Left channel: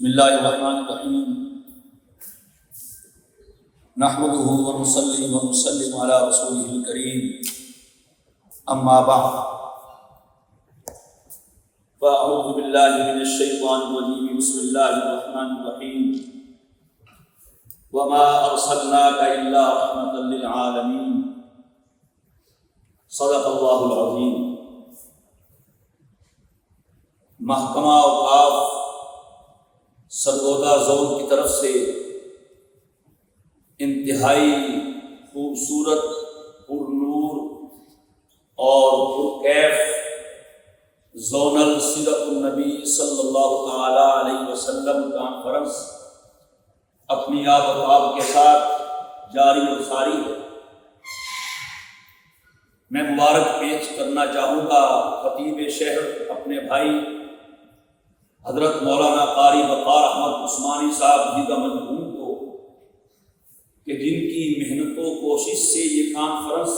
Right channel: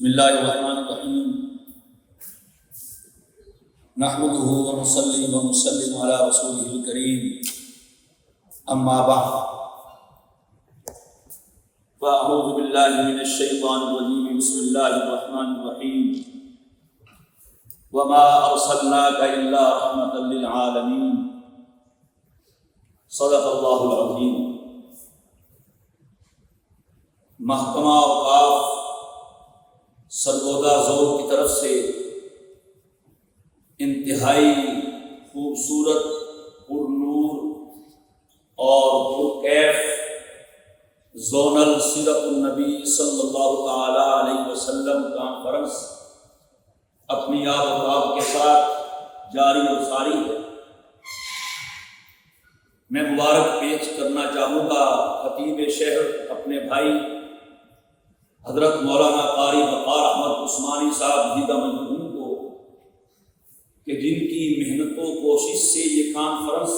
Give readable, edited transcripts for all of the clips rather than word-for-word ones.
بسم اللہ الرحمن الرحیم نحمده ونصلی ونسلم علی رسوله الکریم اما بعد فاعوذ باللہ من الشیطان الرجیم بسم اللہ الرحمن الرحیم وما ارسلناک الا رحمتا للعالمین صدق اللہ العظیم۔ محکمہ اوقاف سرگودا زون کی طرف سے انتہائی خوبصورت، پرنور اور پرکیف زونل سیرت النبی صلی اللہ تعالی علیہ وسلم کانفرنس اپنی آب و تاب کے ساتھ جاری و ساری ہے۔ میں مبارک پیش کرنا چاہوں گا خطیب شہر اپنے بھائی حضرت مولانا قاری وقار احمد عثمانی صاحب دیدہ مرحوم کو، کہ جن کی محنت و کوشش سے یہ کانفرنس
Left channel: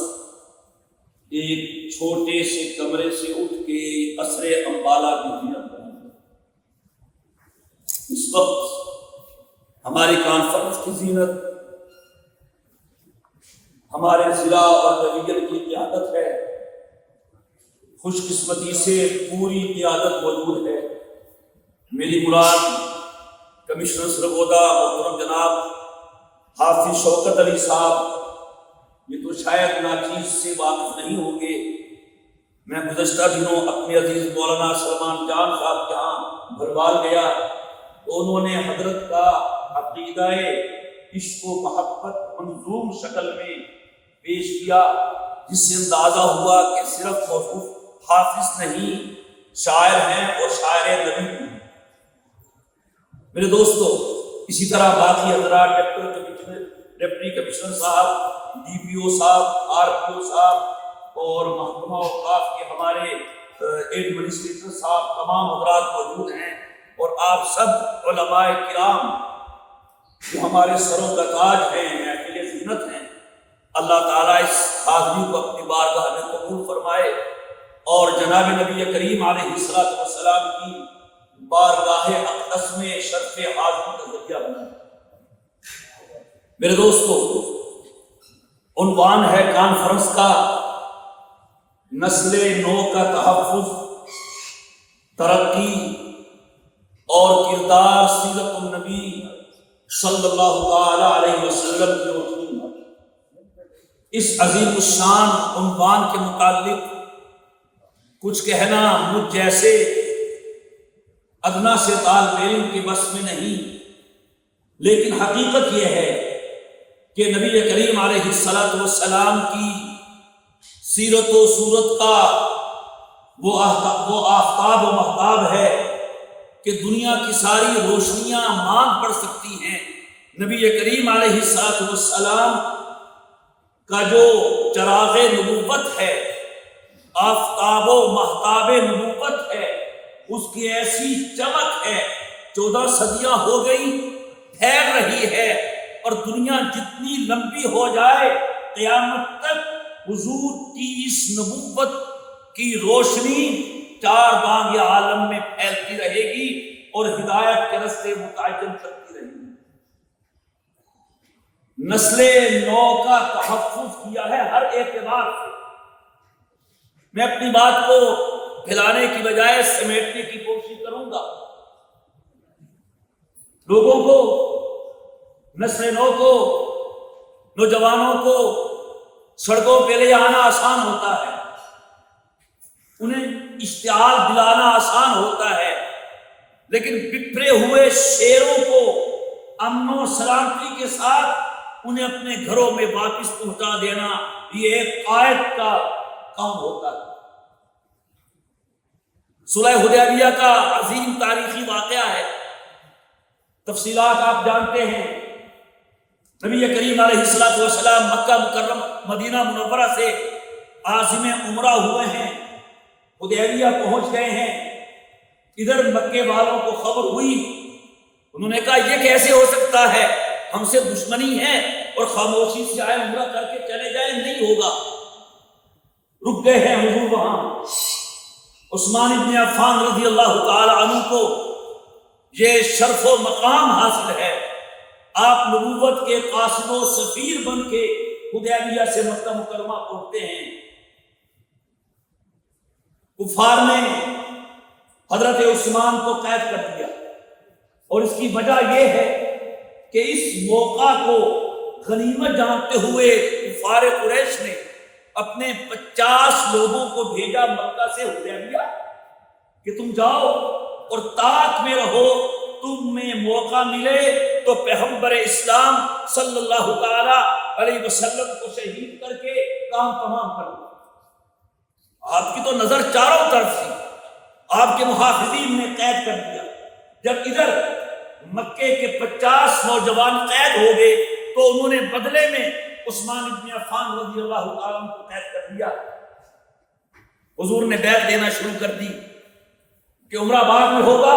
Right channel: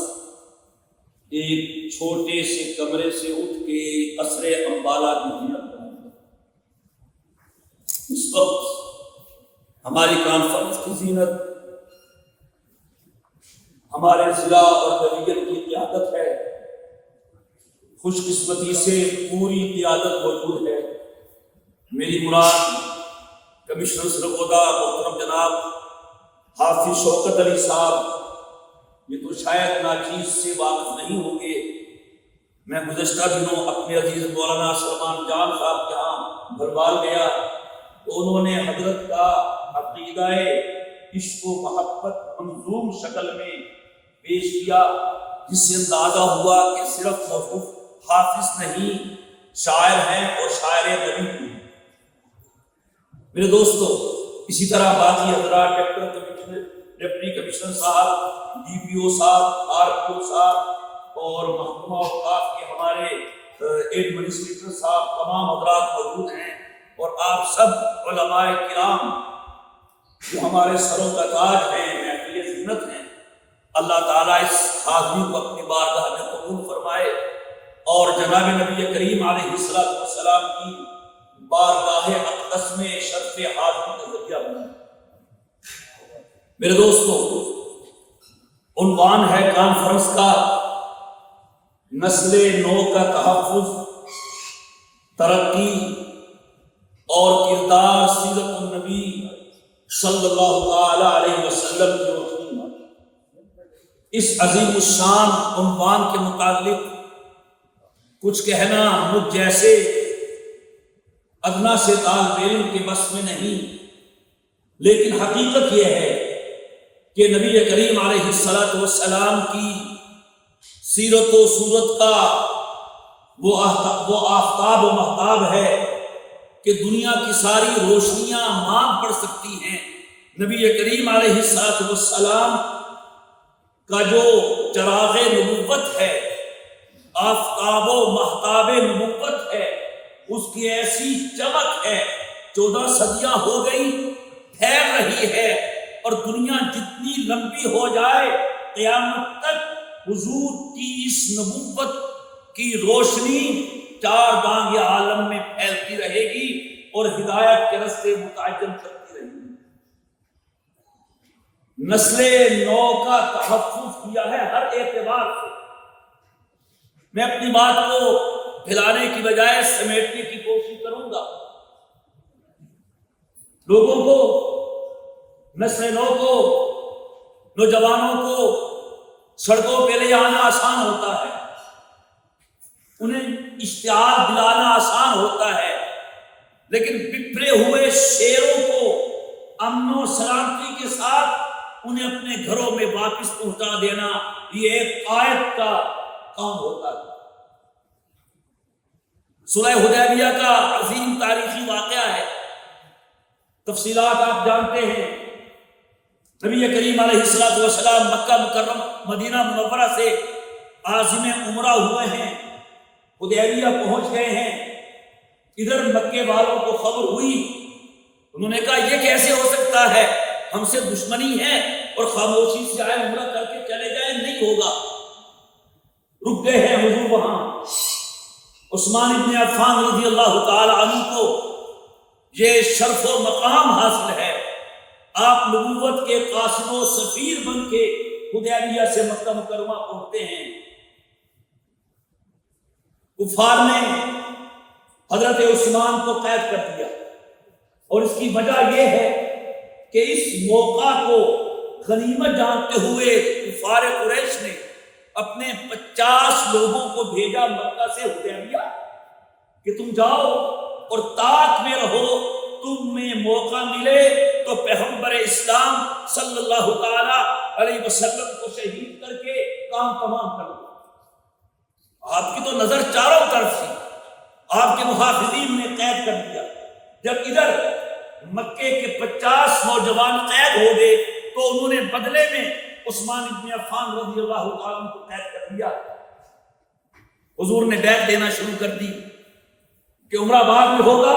ایک چھوٹے سے کمرے سے اٹھ کے قصر امبالہ کی زینت بنی ہے۔ اس وقت ہماری کانفرنس کی زینت ہمارے ضلع اور ڈویژن کی قیادت ہے۔ خوش قسمتی سے پوری قیادت موجود ہے۔ میری مراد کمشنر سرگودا محترم جناب حافظ شوکت علی صاحب، یہ تو شاید ناچیز سے واقف نہیں ہوں گے۔ میں گزشتہ دنوں اپنے عزیز مولانا سلمان جان صاحب کے ہاں بھربال گیا تو انہوں نے حضرت کا عقیدہ عشق و محبت منظوم شکل میں پیش کیا، جس سے اندازہ ہوا کہ صرف موصوف حافظ نہیں، شاعر ہیں اور شاعر نبی بھی۔ میرے دوستو، اسی طرح باقی حضرات ڈپٹی کمشنر صاحب، ڈی پی او صاحب، آر پی او صاحب اور محکمہ اوقاف کے ہمارے ایڈمنسٹریٹر صاحب، تمام حضرات موجود ہیں، اور آپ سب علماء کرام جو ہمارے سروں کا تاج ہیں، محفل زینت ہیں۔ اللہ تعالیٰ اس حاضری کو اپنی بارگاہ میں قبول فرمائے اور جناب نبی کریم علیہ السلام کی بارگاہ اقدس میں شرف حاضری کا ذریعہ بنائے۔ میرے دوستو، عنوان ہے کانفرنس کا نسل نو کا تحفظ، ترقی اور کردار سیرت النبی صلی اللہ تعالی علیہ وسلم کی روشنی میں۔ اس عظیم الشان عنوان کے متعلق کچھ کہنا مجھ جیسے ادنا سے طالب علم کے بس میں نہیں، لیکن حقیقت یہ ہے کہ نبی کریم علیہ السلام کی سیرت و صورت کا وہ آفتاب و مہتاب ہے کہ دنیا کی ساری روشنیاں مانگ پڑ سکتی ہیں۔ نبی کریم علیہ السلام کا جو چراغ نبوت ہے، آفتاب و مہتاب نبوت ہے، اس کی ایسی چمک ہے، 14 صدیاں ہو گئی، پھیل رہی ہے، اور دنیا جتنی لمبی ہو جائے قیامت تک حضور کی اس نبوت کی روشنی چار بانگ عالم میں پھیلتی رہے گی اور ہدایت کے رستے متعین کرتی رہے گی۔ نسل نو کا تحفظ کیا ہے ہر اعتبار سے۔ میں اپنی بات کو پھیلانے کی بجائے سمیٹنے کی کوشش کروں گا۔ لوگوں کو، نسل نو کو، نوجوانوں کو سڑکوں پہ لے جانا آسان ہوتا ہے، انہیں اشتعال دلانا آسان ہوتا ہے، لیکن بکھرے ہوئے شیروں کو امن و سلامتی کے ساتھ انہیں اپنے گھروں میں واپس پہنچا دینا یہ ایک قائد کا کام ہوتا ہے۔ صلح حدیبیہ کا عظیم تاریخی واقعہ ہے، تفصیلات آپ جانتے ہیں۔ نبی کریم علیہ السلام مکہ مکرمہ مدینہ منورہ سے عازم عمرہ ہوئے ہیں، حدیبیہ پہنچ گئے ہیں۔ ادھر مکے والوں کو خبر ہوئی، انہوں نے کہا یہ کیسے ہو سکتا ہے، ہم سے دشمنی ہے اور خاموشی سے آئے عمرہ کر کے چلے جائیں، نہیں ہوگا۔ رک گئے ہیں حضور وہاں۔ عثمان بن عفان رضی اللہ تعالی عنہ کو یہ شرف و مقام حاصل ہے، آپ نبوت کے قاصد و سفیر بن کے حدیبیہ سے مکہ مکرمہ پہنچتے ہیں۔ کفار نے حضرت عثمان کو قید کر دیا، اور اس کی وجہ یہ ہے کہ اس موقع کو غنیمت جانتے ہوئے کفار قریش نے اپنے 50 لوگوں کو بھیجا مکہ سے حدیبیہ کہ تم جاؤ اور طاعت میں رہو، تم میں موقع ملے تو پیغمبر اسلام صلی اللہ تعالی علیہ وسلم کو شہید کر کے کام تمام کر دو۔ آپ کی تو نظر چاروں طرف تھی، آپ کے محافظین نے قید کر دیا۔ جب ادھر مکے کے 50 نوجوان قید ہو گئے تو انہوں نے بدلے میں عثمان بن عفان رضی اللہ تعالیٰ عنہ کو قید کر دیا۔ حضور نے بیعت دینا شروع کر دی کہ عمرہ بعد میں ہوگا،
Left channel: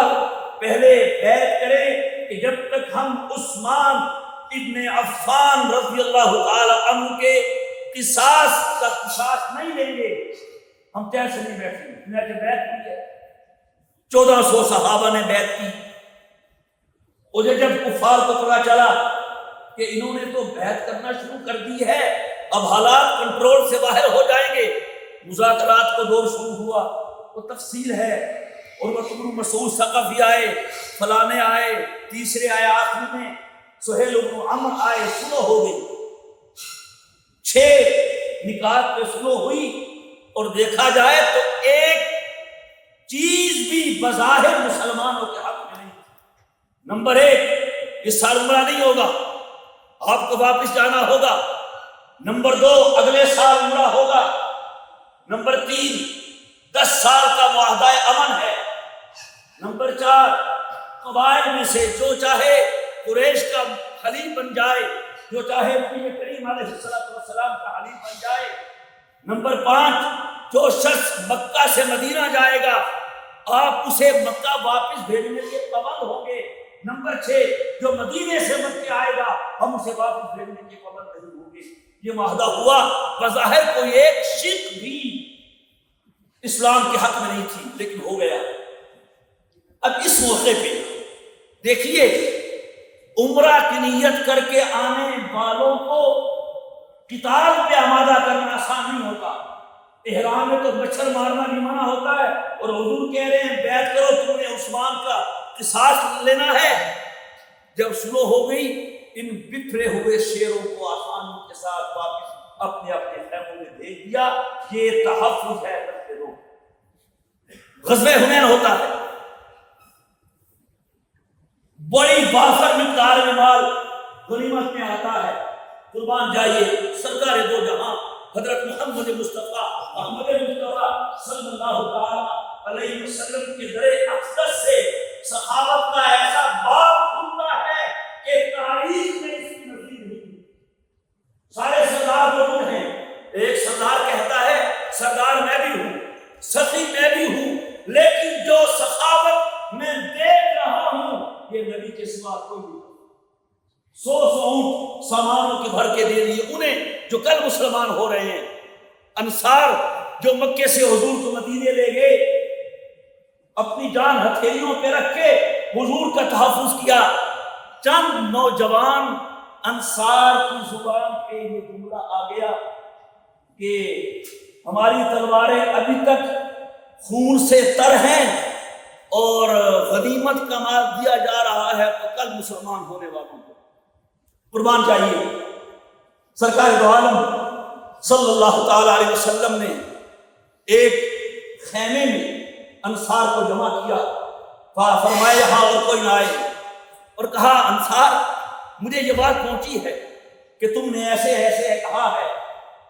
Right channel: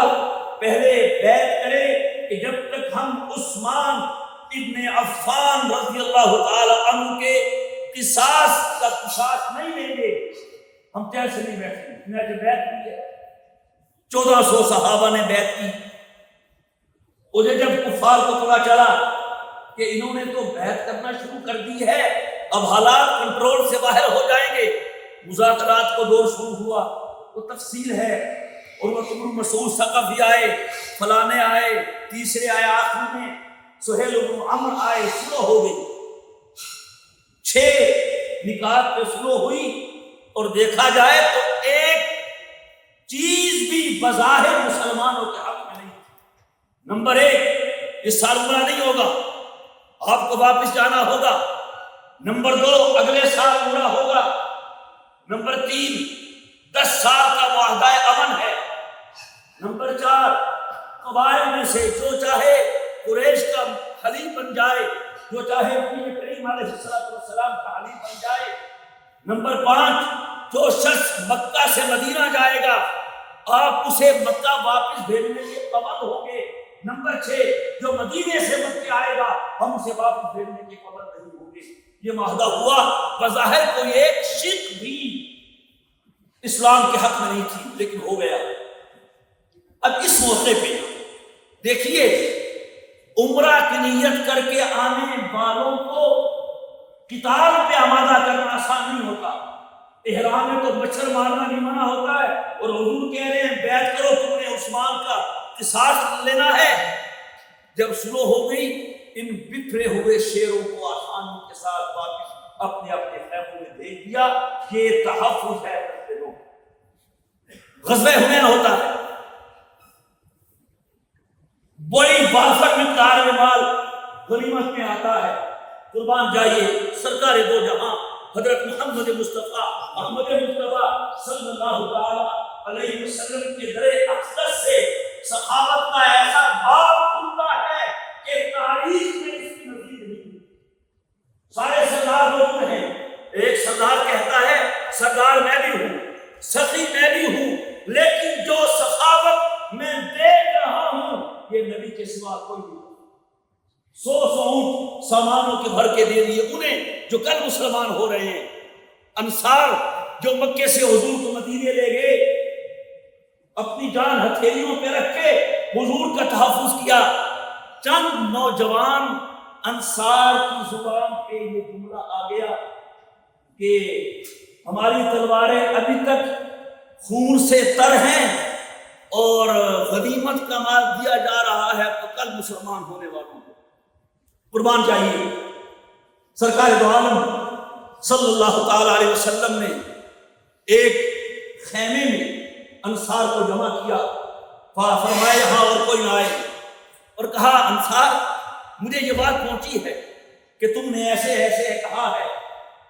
پہلے بیعت کرے کہ جب تک ہم عثمان ابن عفان رضی اللہ تعالیٰ عنہ کے قصاص کا قصاص نہیں لیں گے ہم چین سے نہیں بیٹھیں گے۔ چنانچہ بیعت کی ہے، 1400 صحابہ نے بیعت کی۔ مجھے جب کفار کو پتا چلا کہ انہوں نے تو بیعت کرنا شروع کر دی ہے، اب حالات کنٹرول سے باہر ہو جائیں گے، مذاکرات کو دور شروع ہوا۔ وہ تفصیل ہے، اور بن مسعود ثقفی آئے، فلانے آئے، تیسرے آئے، آخر میں سہیل بن عمرو آئے، سلو ہو گئی، 6 نکات پہ سلو ہوئی، اور دیکھا جائے تو ایک چیز بھی بظاہر مسلمانوں کے حق میں نہیں تھی۔ نمبر 1، اس سال عمرہ نہیں ہوگا، آپ کو واپس جانا ہوگا۔ نمبر 2، اگلے سال عمرہ ہوگا۔ نمبر 3، 10 سال کا معاہدہ امن ہے۔ نمبر 4، قبائل میں سے جو چاہے قریش کا حلیف بن جائے، جو چاہے نبی کریم علیہ السلام کا حلیف بن جائے۔ نمبر 5، جو شخص مکہ سے مدینہ جائے گا آپ اسے مکہ واپس بھیجنے کے پابند ہوں گے۔ نمبر 6، جو مدینے سے مکہ آئے گا ہم اسے واپس بھیجنے کے پابند نہیں ہوں گے۔ یہ معاہدہ ہوا، بظاہر کوئی ایک شک بھی اسلام کے حق میں نہیں تھی، لیکن ہو گیا۔ اب اس موقع پہ دیکھیے، عمرہ کی نیت کر کے آنے والوں کو قتال پہ آمادہ کرنا آسان نہیں ہوتا۔ احرام میں تو مچھر مارنا بھی منع ہوتا ہے، اور حضور کہہ رہے ہیں بیعت کرو، تم نے عثمان کا قصاص لینا ہے۔ جب شروع ہو گئی، ان بکھرے ہوئے شیروں کو آسانی کے ساتھ واپس اپنے اپنے خیموں میں بھیج دیا۔ یہ تحفظ ہے۔ غزوہ حنین ہوتا ہے، بڑی وافر مقدار میں مال غنیمت میں آتا ہے۔ قربان جائیے سرکار دو جہاں حضرت محمد مصطفیٰ صلی اللہ علیہ وسلم کے در اقدس سے سخاوت کا ایسا باب کھلتا ہے کہ تاریخ میں اس کی نظیر نہیں۔ سارے سردار موجود ہیں، ایک سردار کہتا ہے سردار میں بھی ہوں، سخی میں بھی ہوں، لیکن جو سخاوت میں دیکھ رہا ہوں یہ نبی کے سوا کوئی نہیں۔ 100 اونٹ سامانوں کے بھر کے دے دیے انہیں جو کل مسلمان ہو رہے ہیں۔ انصار جو مکے سے حضور کو مدینے لے گئے، اپنی جان ہتھیلیوں پہ رکھ کے حضور کا تحفظ کیا۔ چند نوجوان انصار کی زبان پہ یہ جملہ آ گیا کہ ہماری تلواریں ابھی تک خون سے تر ہیں اور غنیمت کا مال دیا جا رہا ہے تو کل مسلمان ہونے والوں کو قربان چاہیے۔ سرکار دو عالم صلی اللہ تعالی علیہ وسلم نے ایک خیمے میں انصار کو جمع کیا، فرمایا یہاں اور کوئی نہ آئے، اور کہا انصار مجھے یہ بات پہنچی ہے کہ تم نے ایسے ایسے کہا ہے۔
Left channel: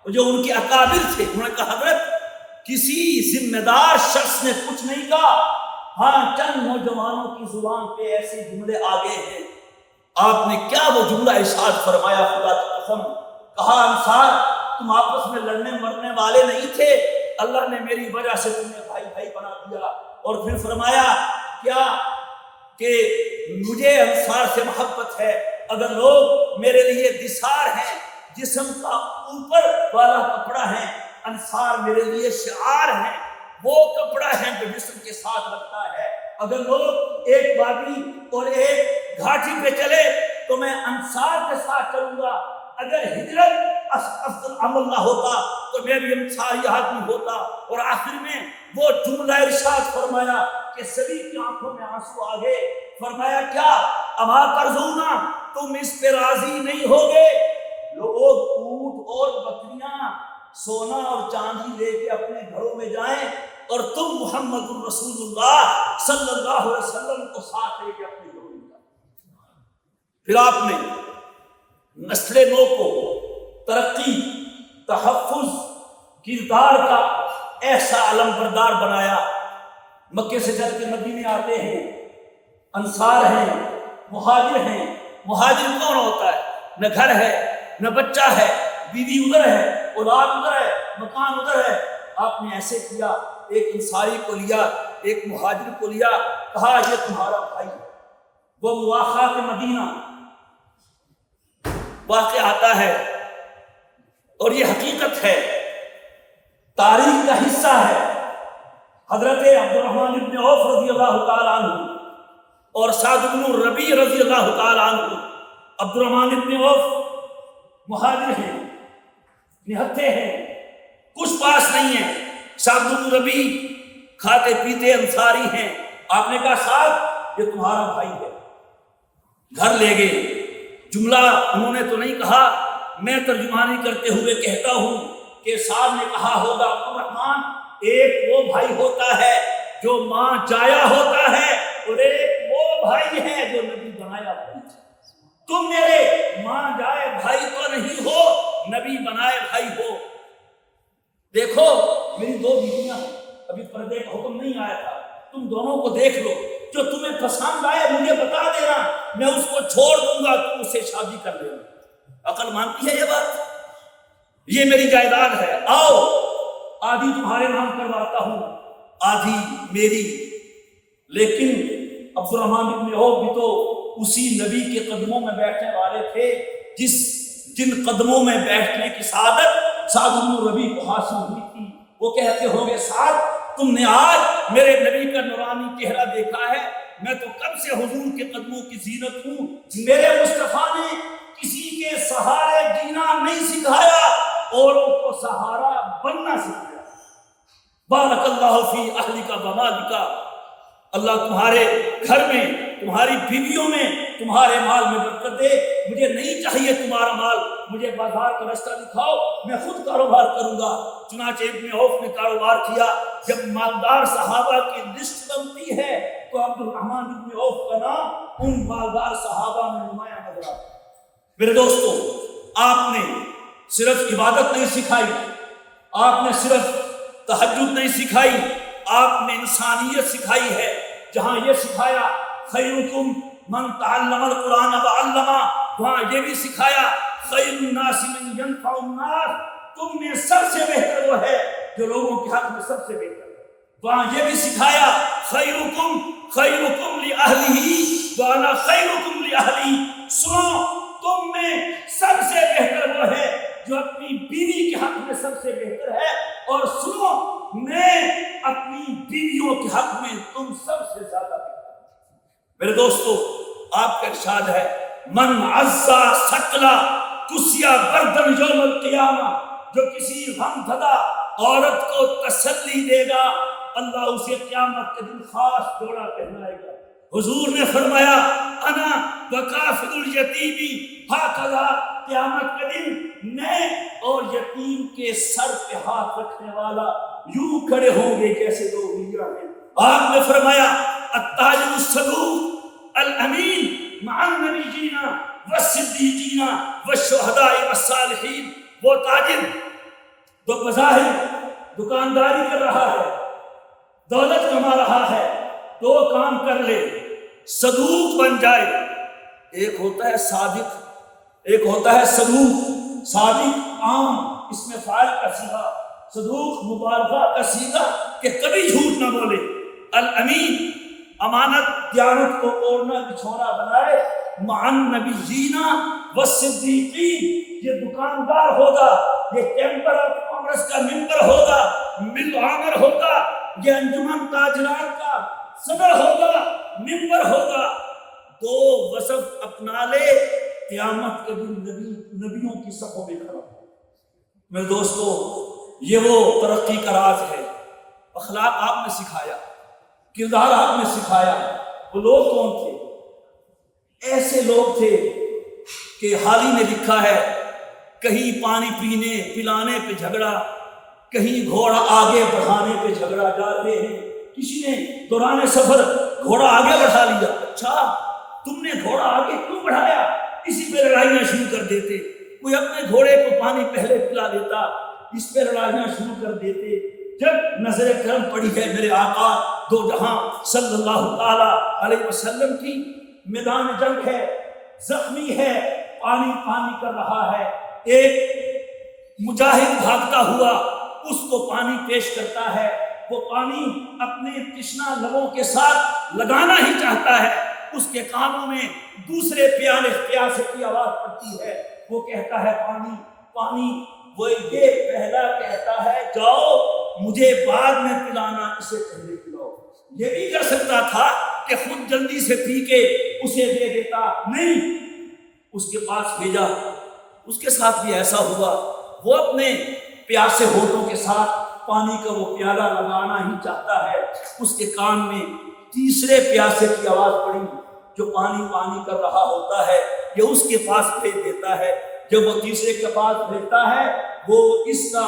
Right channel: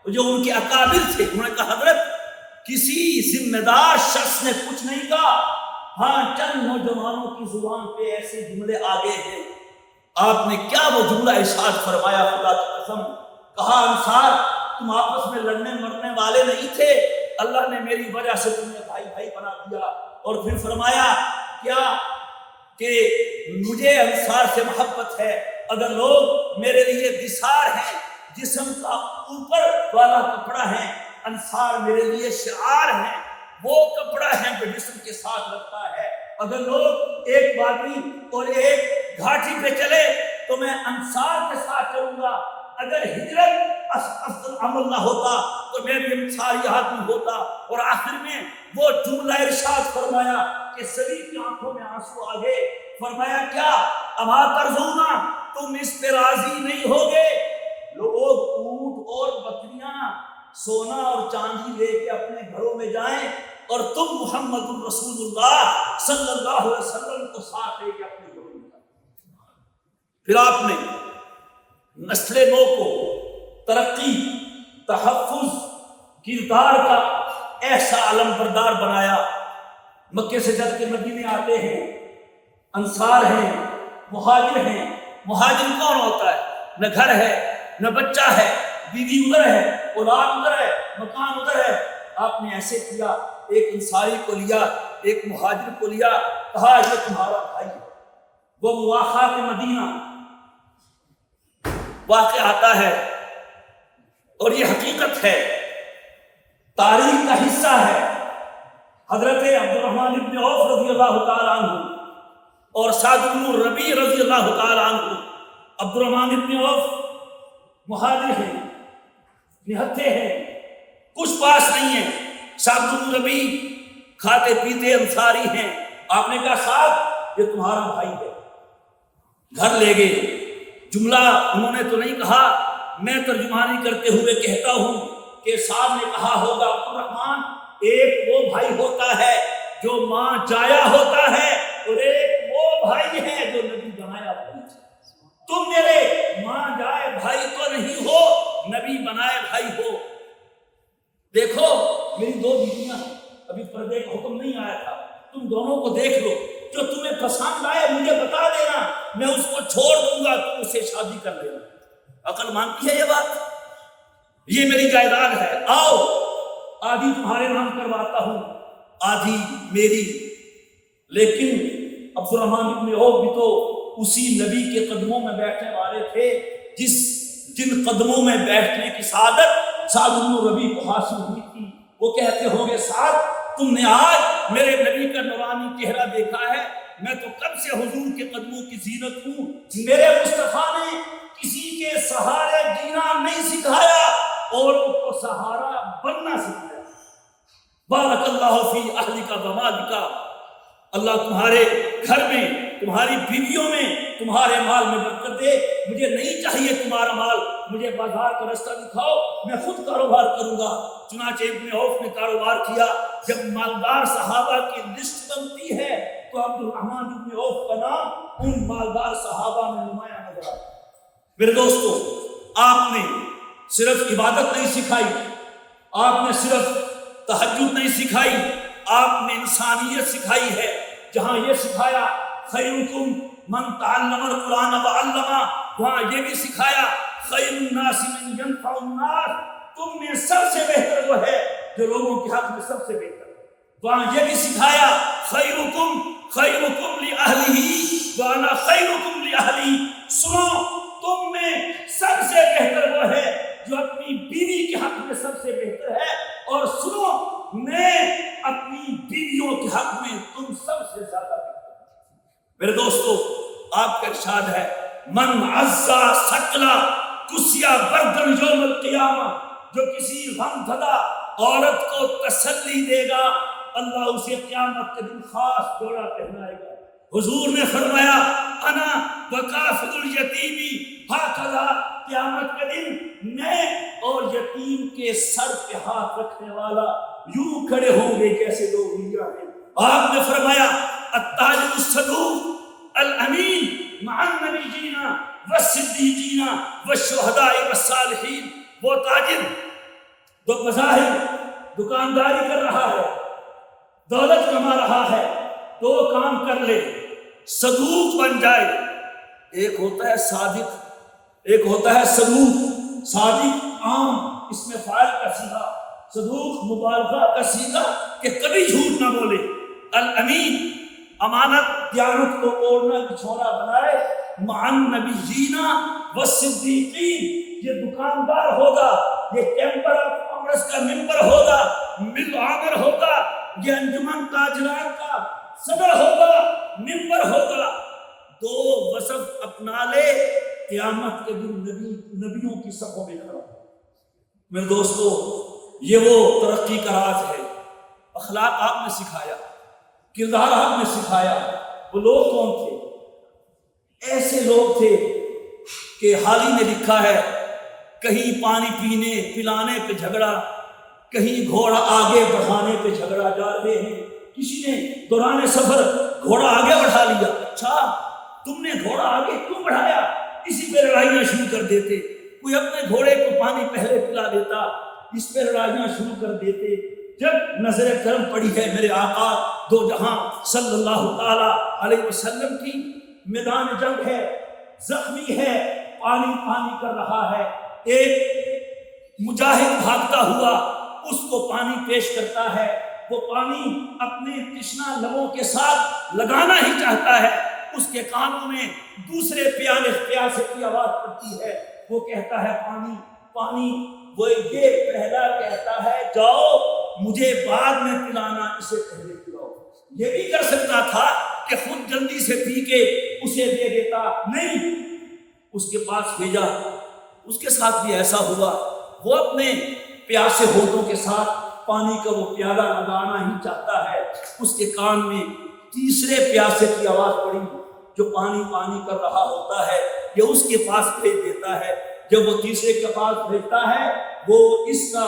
جو ان کے اکابر تھے انہوں نے کہا حضرت کسی ذمہ دار شخص نے کچھ نہیں کہا، ہاں چند نوجوانوں کی زبان پہ ایسے جملے آگے ہیں۔ آپ نے کیا وہ جملہ ارشاد فرمایا، خدا کی قسم، کہا انصار تم آپس میں لڑنے مرنے والے نہیں تھے، اللہ نے میری وجہ سے تمہیں بھائی بھائی بنا دیا۔ اور پھر فرمایا کیا کہ مجھے انصار سے محبت ہے، اگر لوگ میرے لیے دثار ہیں، جسم کا اوپر والا کپڑا ہے، انصار میرے لیے شعار ہیں، وہ کپڑا ہے جو جسم کے ساتھ لگتا ہے، اگر لوگ ایک وادی اور ایک گھاٹی پہ چلے تو میں انصار کے ساتھ چلوں گا، اگر ہجرت افضل عمل نہ ہوتا تو میں بھی انصاری آدمی ہوتا۔ اور آخر میں وہ جملہ ارشاد فرمایا کہ سبھی کی آنکھوں میں آنسو آ گئے، فرمایا کیا اما ترضونا، تم اس پہ راضی نہیں ہوگے؟ لوگ اونٹ اور بکریاں، سونا اور چاندی لے کے اپنے گھروں میں جائیں اور تم محمد الرسول اللہ صلی اللہ علیہ وسلم کو ساتھ لے کے اپنے گھروں میں جائیں۔ پھر آپ نے نسل نو کو ترقی، تحفظ، کردار کا ایسا علم بردار بنایا۔ مکے سے چل کے مدینے آتے ہیں، انصار ہیں، مہاجر ہیں۔ مہاجر کون ہوتا ہے؟ نہ گھر ہے، نہ بچہ ہے، بیوی ادھر ہے، اولاد ادھر ہے، مکان ادھر ہے۔ آپ نے ایسے کیا، ایک انصاری کو لیا، ایک مہاجر کو لیا، کہا یہ تمہارا بھائی ہے۔ وہ مواخا کے مدینہ واقع آتا ہے اور یہ حقیقت ہے، تاریخ کا حصہ ہے۔ حضرت عبد الرحمن بن عوف رضی اللہ تعالیٰ عنہ اور سعد بن ربیع رضی اللہ تعالیٰ عنہ، عبد الرحمن بن عوف مہاجر ہیں، نہتے ہیں، کچھ پاس نہیں ہے۔ سعد بن ربیع کھاتے پیتے انصاری ہیں۔ آپ نے کہا سعد یہ تمہارا بھائی ہے، گھر لے گئے۔ جملہ انہوں نے تو نہیں کہا، میں ترجمانی کرتے ہوئے کہتا ہوں کہ صاحب نے کہا ہوگا عبد الرحمن ایک وہ بھائی ہوتا ہے جو ماں جایا ہوتا ہے، اور ایک وہ بھائی ہے جو نبی بنایا بھائی ہے۔ تم میرے ماں جائے بھائی تو نہیں ہو، نبی بنائے بھائی ہو۔ دیکھو میری دو بیویاں ہیں، ابھی پردے کا حکم نہیں آیا تھا، تم دونوں کو دیکھ لو، جو تمہیں پسند آئے مجھے بتا دینا، میں اس کو چھوڑ دوں گا، تم اسے شادی کر لینا۔ عقل مانتی ہے یہ بات؟ یہ میری جائیداد ہے، آؤ آدھی تمہارے نام کرواتا ہوں، آدھی میری۔ لیکن عبد الرحمن بن عوف بھی تو اسی نبی کے قدموں میں بیٹھنے والے تھے جن قدموں میں بیٹھنے کی سعادت سعد بن ربیع کو حاصل ہوئی تھی۔ وہ کہتے ہوں گے سعد تم نے آج میرے نبی کا نورانی چہرہ دیکھا ہے، میں تو کب سے حضور کے قدموں کی زینت ہوں۔ میرے مصطفیٰ نے کسی کے سہارے جینا نہیں سکھایا، اوروں کو سہارا بننا سکھایا۔ بارک اللہ فی اہلک و مالک، اللہ تمہارے گھر میں، تمہاری بیویوں میں، تمہارے مال میں برکت دے۔ مجھے نہیں چاہیے تمہارا مال، مجھے بازار کا رستہ دکھاؤ، میں خود کاروبار کروں گا۔ چنانچہ ابن عوف نے کاروبار کیا۔ جب مالدار صحابہ کی لسٹ بنتی ہے تو عبد الرحمن ابن عوف کا نام ان مالدار صحابہ میں نمایاں نظر آتا ہے۔ میرے دوستو، آپ نے صرف عبادت نہیں سکھائی، آپ نے صرف تہجد نہیں سکھائی، آپ نے انسانیت سکھائی ہے۔ جہاں یہ سکھایا خیرکم من تعلم القرآن وعلمہ، وہاں یہ بھی سکھایا خیر الناس من ینفع الناس، تم میں سب سے بہتر وہ ہے جو لوگوں کے حق میں سب سے بہتر ہے۔ وہاں یہ بھی سکھایا خیرکم لأہلہ وانا خیرکم لأہلی، سنو تم میں سب سے بہتر وہ ہے جو اپنی بیوی کے حق میں سب سے بہتر ہے، اور سنو میں اپنی بیویوں کے حق میں تم سب سے زیادہ بہتر ہوں۔ میرے دوستو، آپ کا ارشاد ہے من عزا سکلا کسیا بردن یوم القیامہ، جو کسی غم زدہ عورت کو تسلی دے گا اللہ اسے قیامت کے دن خاص جوڑا پہنائے گا۔ حضور نے فرمایا انا وکافل الیتیمی ہاکذا، قیامت کے دن میں اور یتیم کے سر پہ ہاتھ رکھنے والا یوں کھڑے ہوں گے جیسے دو انگلیاں ہیں۔ آپ نے فرمایا التاجر الصدوق الامین مع النبیین والصدیقین والشہداء والصالحین، وہ تاجر جو بظاہر دکانداری کر رہا ہے، دولت کما رہا ہے، دو کام کر لے، صدوق بن جائے۔ ایک ہوتا ہے صادق، ایک ہوتا ہے صدوق۔ صادق عام اس میں فاعل کا صیغہ، صدوق مبالغہ کا صیغہ کہ کبھی جھوٹ نہ بولے۔ الامین، امانت دیانت کو اوڑھنا بچھونا بنائے۔ مع النبیین والصدیقین، یہ دکاندار ہوگا، یہ چیمبر آف کامرس کا ممبر ہوگا، مل عامر ہوگا، یہ انجمن تاجران کا صدر ہوگا، ممبر ہوگا، دو وصف اپنا لے، قیامت کے دن نبیوں کی صفوں میں کھڑا ہو۔ میرے دوستو، یہ وہ ترقی کا راز ہے۔ اخلاق آپ نے سکھایا، کردار آپ نے سکھایا۔ وہ لوگ کون تھے؟ ایسے لوگ تھے کہ حال ہی میں لکھا ہے، کہیں پانی پینے پلانے پہ جھگڑا، کہیں گھوڑا آگے بڑھانے پہ جھگڑا، جا رہے ہیں، کسی نے دوران سفر گھوڑا آگے بڑھا لیا، اچھا تم نے گھوڑا آگے کیوں بڑھایا؟ اسی پہ لڑائیاں شروع کر دیتے۔ کوئی اپنے گھوڑے کو پانی پہلے پلا دیتا، اس پہ لڑائیاں شروع کر دیتے۔ جب نظر کرم پڑی ہے میرے آقا دو جہاں صلی اللہ تعالی علیہ وسلم کی، میدان جنگ ہے، زخمی ہے، پانی پانی کر رہا ہے، ایک مجاہد بھاگتا ہوا اس کو پانی پیش کرتا ہے، وہ پانی اپنے تشنا لبوں کے ساتھ لگانا ہی چاہتا ہے، اس کے کانوں میں دوسرے پیاسے کی آواز پڑتی ہے، وہ کہتا ہے پانی پانی، وہ یہ پہلا کہتا ہے جاؤ مجھے بعد میں پلانا، اسے پہلے پلاؤ۔ یہ بھی کر سکتا تھا کہ خود جلدی سے پی کے اسے دے دیتا، نہیں، اس کے پاس بھیجا۔ اس کے ساتھ بھی ایسا ہوا، وہ اپنے پیاسے ہونٹوں کے ساتھ پانی کا وہ پیالہ لگانا ہی چاہتا ہے، اس کے کان میں تیسرے پیاسے کی آواز پڑی جو پانی پانی کر رہا ہوتا ہے، یہ اس کے پاس بھیج دیتا ہے۔ جب وہ تیسرے کے پاس بھیجتا ہے، وہ اس کا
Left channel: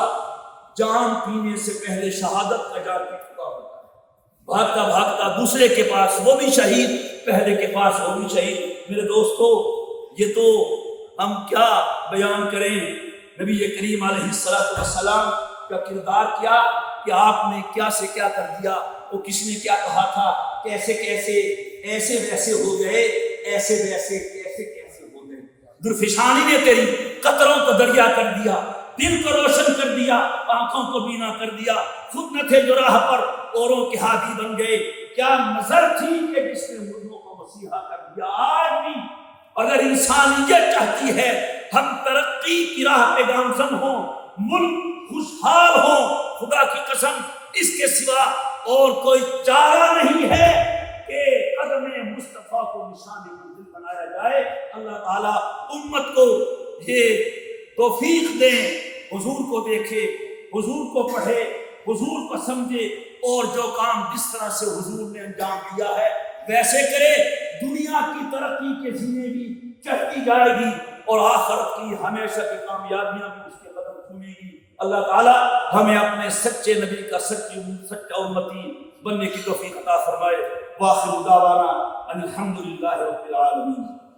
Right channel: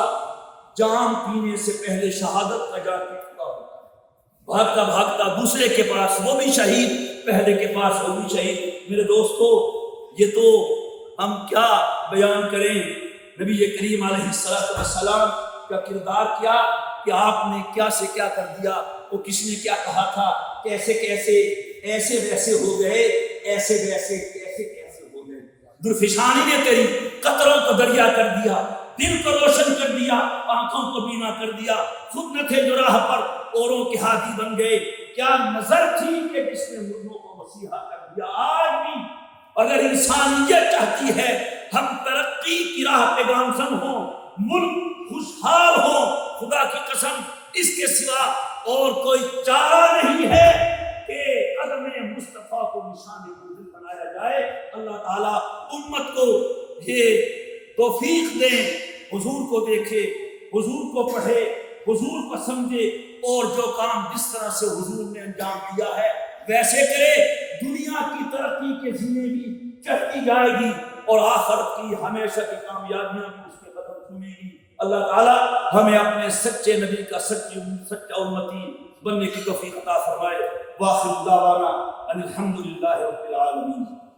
جام پینے سے پہلے شہادت کا جام پی چکا ہوتا ہے، بھاگتا بھاگتا دوسرے کے پاس، وہ بھی شہید، پہلے کے پاس وہ بھی شہید۔ میرے دوستو، یہ تو ہم کیا بیان کریں نبی کریم علیہ السلام کا کردار، کیا کہ آپ نے کیا سے کیا کر دیا۔ وہ کسی نے کیا کہا تھا، کیسے کیسے ایسے ویسے ہو گئے، ایسے ویسے کیسے کیسے ہو گئے، درفشانی نے تیری قطروں کو دریا کر دیا، دل کو روشن کر دیا، آنکھوں کو بینا کر دیا، خود نہ تھے جو راہ پر اوروں کے ہادی بن گئے۔ کیا نظر تھی کہ جس نے مردوں کو مسیحا کر دیا۔ آج بھی اگر انسانیت چاہتی ہے ہم ترقی کی راہ پہ گامزن ہوں، ملک خوشحال ہوں، خدا کی قسم اس کے سوا اور کوئی چارہ نہیں ہے کہ قدم مصطفیٰ کو نشان منزل بنایا جائے۔ اللہ تعالیٰ امت کو یہ توفیق دیں، حضور کو دیکھے، حضور کو پڑھے، حضور کو سمجھے، اور جو کام جس طرح سے حضور نے انجام دیا ہے ویسے کرے۔ دنیا کی ترقی کے زینے بھی چڑھتی جائے گی اور آخرت کی ہمیشہ کی کامیابیاں بھی اس کے قدم چومے گی۔ اللہ تعالیٰ ہمیں اپنے سچے نبی کا سچا امتی بننے کی توفیق عطا فرمائے۔ وآخر دعوانا ان الحمدللہ رب العالمین۔